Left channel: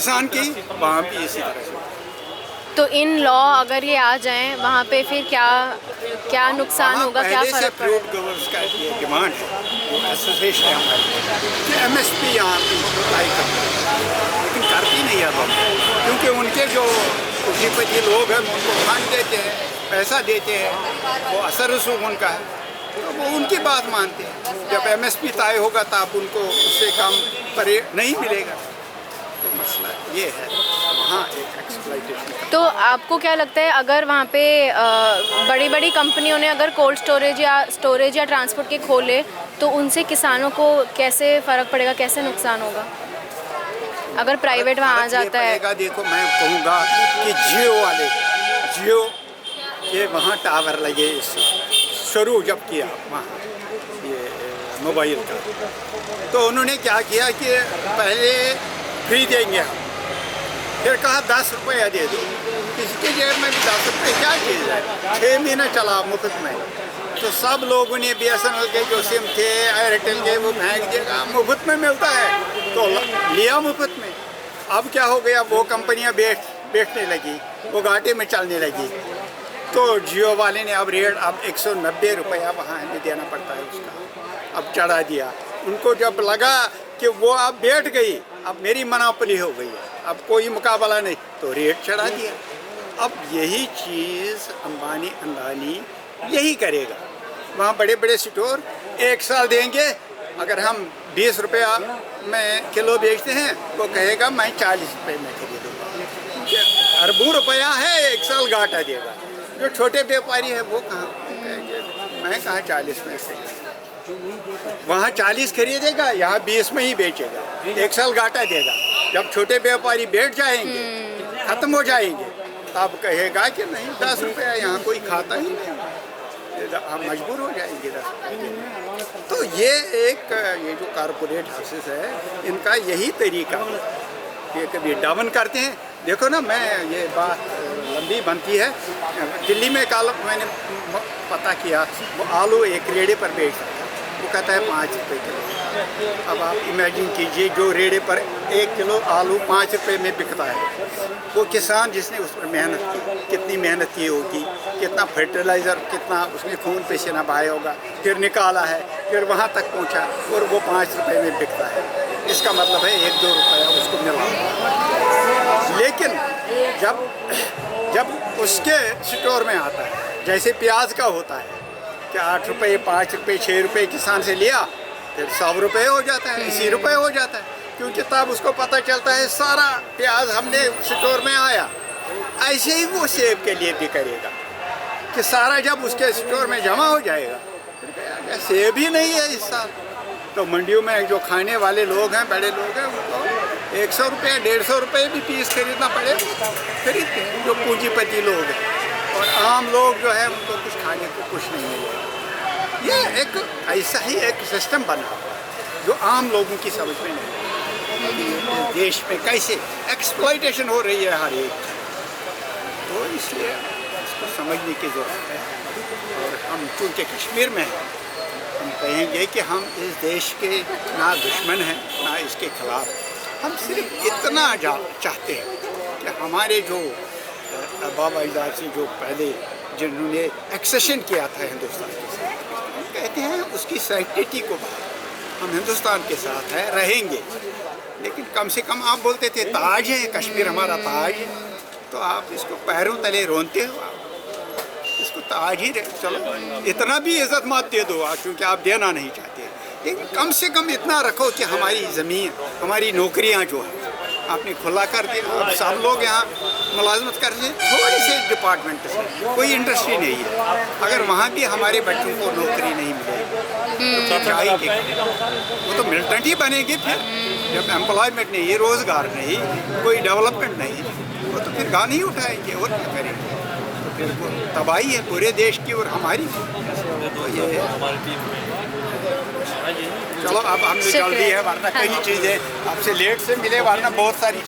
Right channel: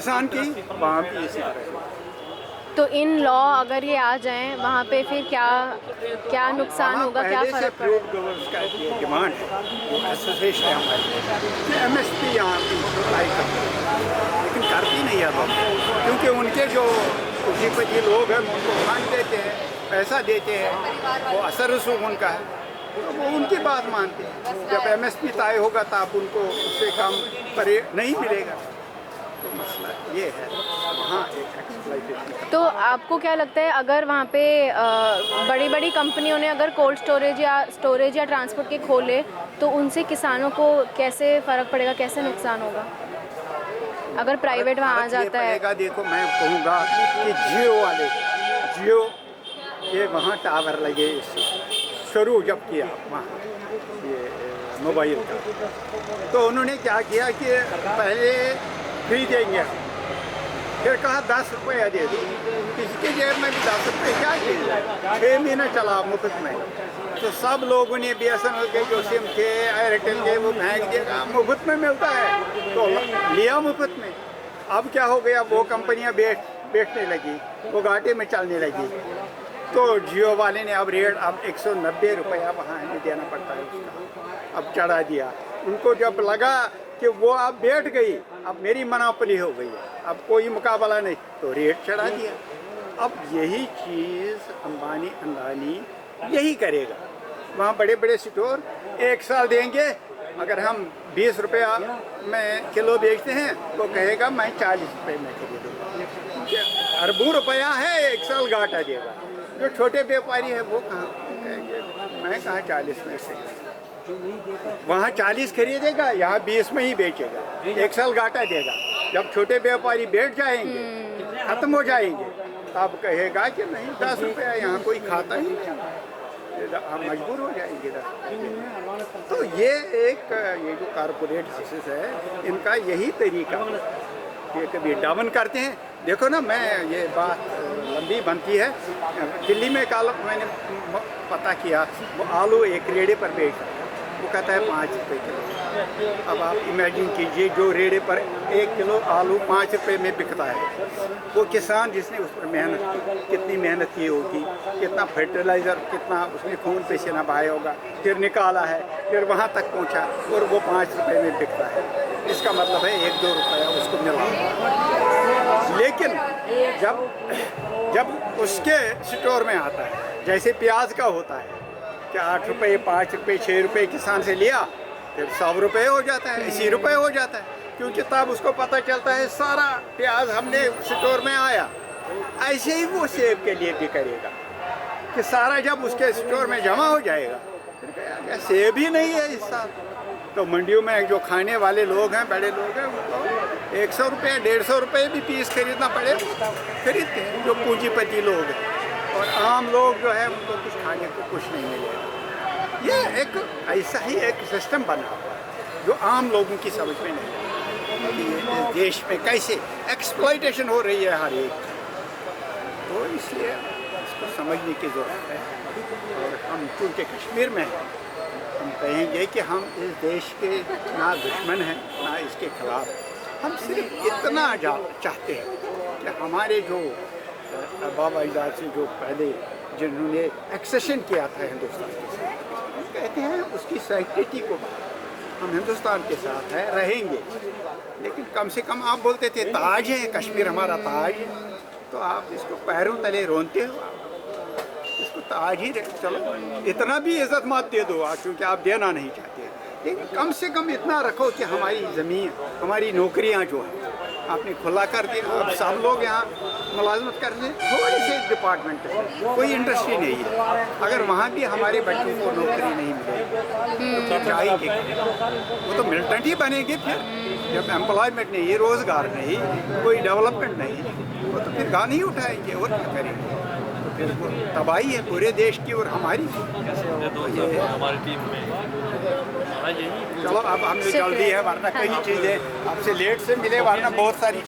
किसान की, वहाँ भी इसी तरह से। तो इन लॉ अगर ये आ जाएं वहाँ पे फिर क्या क्या नुकसान वहाँ होगा, क्या पहले से फर्क फ्रूट पड़ेगा? ग्रोवर्स का ये डिमांड है, जो एसोसिएशन है हमारी, कि एमएसपी यहाँ की अप्लाई करती है, लेकिन करती नहीं है लोग, क्योंकि उनके जो पूंजीपति लोग हैं उनको फंड देते हैं, पैसा देते हैं, वो असर रसूख उनका है, तो वो उनकी बात मानते हैं। जब एमएसपी तय होगा तब उनको उससे कम पर नहीं मिलेगा। तो मसला ये है, वहाँ एक एक्सप्लॉइटेशन का। तो आपको क्या लगता है अगर वहाँ पे बड़ी बड़ी कंपनियों ने अगर कोल्ड स्टोरेज या ट्रांसपोर्ट के खोले तो उनसे किसानों को कैसे फ़र्क पड़ेगा, कैसे नुकसान होगा अगर प्राइवेट वहाँ आ जाता है? देखो मैं कहूँगा कि जियो के वहाँ टावर लगे, शुरू जब किया वहाँ ये मोबाइल का, तो उन्होंने क्या किया कि पहले फ्री देंगे हम, फिर कहा 10 रुपया दे दो। किसी के जेब में भी 10 रुपये क्या चीज़ है, 6 महीने चला मुफ्त में, तो सब लोगों ने BSNL के जो सिम थे, एयरटेल के, वो फेंक दिया, मुफ्त में मिलता है तो लिया मुफ्त में। अब क्या हो गया, वो कंपनियां बेचने लगी, वो घाटे में चलने लगी, तो जियो वाले ने अब रेट 190 रुपया वहाँ हमें देना पड़ता है उसका, अब चढ़ा दिया। उनको जब लगा कि वो अब बैठ गई, अब मेरी मोनोपोली हो गई है, अब कोई मुकाबला नहीं, तो रेट चढ़ा दिया। अब यही चीज़ अंबानी अडानी यही करेगा। वहाँ बड़े बड़े स्टोर 1 साल देंगे, अगर हम 20 रुपया में किलो बेचते हैं, वो कहेगा मैं 40 रुपये में खरीदूँगा। अरबों रुपया है, 1 साल घाटा देगा। जो छोटे व्यापारी है वो कहाँ कहेंगे मैं कहाँ 40 में से, वहाँ 40 खरीदेगा, यहाँ 20 में ही बेचेगा, 1 साल घाटा देगा। जब छोटे व्यापारी बैठ जाएंगे, खत्म हो जाएंगे, तब कहेगा कि नहीं 10 रुपया यहाँ कोई खाता ही नहीं, हम मजबूर हो जाएंगे 10 रुपये। तो ये जो कारपोरेट हाउसेस है, इनका यही तरीका है कि कभी डाउन करते हैं। देखो ना, मैं ये बात लंबी बनती है, दिल्ली में कल मैंने पता किया, वो आलू एक रेड़े पर बेच सकता है, वो कहता है 5 रुपये किलो। अब आप इमेजिन कीजिए, जो रेड़े पर 1 किलो आलू 5 रुपये में बिकता है, वो किसान जिसने उस पर मेहनत की, कितनी मेहनत की होगी, कितना फर्टिलाइज़र, कितना उसने खून पसीना बहाया होगा, फिर निकाला है, फिर वहाँ तक पहुँचा, और वो 5 रुपये में बिकता है। इसका मतलब है 1-2 रुपया उसको मिला। लेकिन जब उसके स्टोर में आता है, जैसे प्याज का होता है कि 8 रुपये, 5 रुपये, 6 रुपये किसान से लिया, फिर 100 रुपये हो जाता है, 80 रुपये हो जाता है, क्योंकि तब उसको पता चलता है सारा प्याज हमने स्टोर में आया। ऐसे ही वो सेब के लिए भी करेगा कि सारा जब उसके स्टोर में जमा हो जाएगा, फिर कहेगा सेब ही नहीं है इस साल। तो मंडियों में जो खाने वाले लोग हैं, बड़े लोग हैं, उनको 100 रुपये, 150 रुपये भी पीस खरीदना पड़े, खरीदते हैं जो पूंजीपति लोग हैं। और आम लोग जो है उनको कुछ खाने को कुछ नहीं मिलेगा। ये एक ऐसा ही एक सिस्टम बना जो आम लोगों की समझ में नहीं है। इस देश में कैसे एक्सप्लॉइटेशन हो रही है हर एक, तो इसलिए इसको समझने की ज़रूरत है। और हम चूँकि कश्मीर में हैं, हम कहेंगे कि हम इस देश के ना दुश्मन हैं ना इसके खिलाफ, हम सिर्फ इतना चाहते हैं कि हमारे जो बाबा अजदाद से जो पहले जिन्होंने एक्सेशन किया था हिंदुस्तान के साथ, हम कहते हैं उसकी सैंक्टिटी को हम हिंदुस्तान के साथ है रहेंगे, लेकिन कम से कम आप बोलते थे ताज है कश्मीर, हमारा ताज है, तो आप इसको पैरों तले रोनते हो, आप इसको ताज ही चलो इतना भी इज्जत मत दे दो क्योंकि आप देना नहीं चाहते, लेकिन कम से कम इतना रखो कि हमारी ज़मीन, हमारी नौकरियां जो है आपने खुला कर दिया। अब सब लोग यहाँ मुलाजमत कर रहे हैं, थोड़ी से डिपार्टमेंट से, कोई इंडस्ट्री नहीं है, अगर वहाँ भी हमारे बच्चों को नौकरी नहीं मिलेगी तो जाएंगे, वो तो मिलिटेंट ही बनेंगे। फिर जब एम्प्लॉयमेंट नहीं, रोज़गार नहीं, कोई डेवलपमेंट नहीं, वो तो फिर गान ही उठाएंगे और क्या करेंगे, तो फिर वो तबाही है पूरे देश की और हमारी। तो ये चलो अब हमने जल्दी है, वरना कई चीज़ें आपसे लेट से मिले, वरना बहुत सारी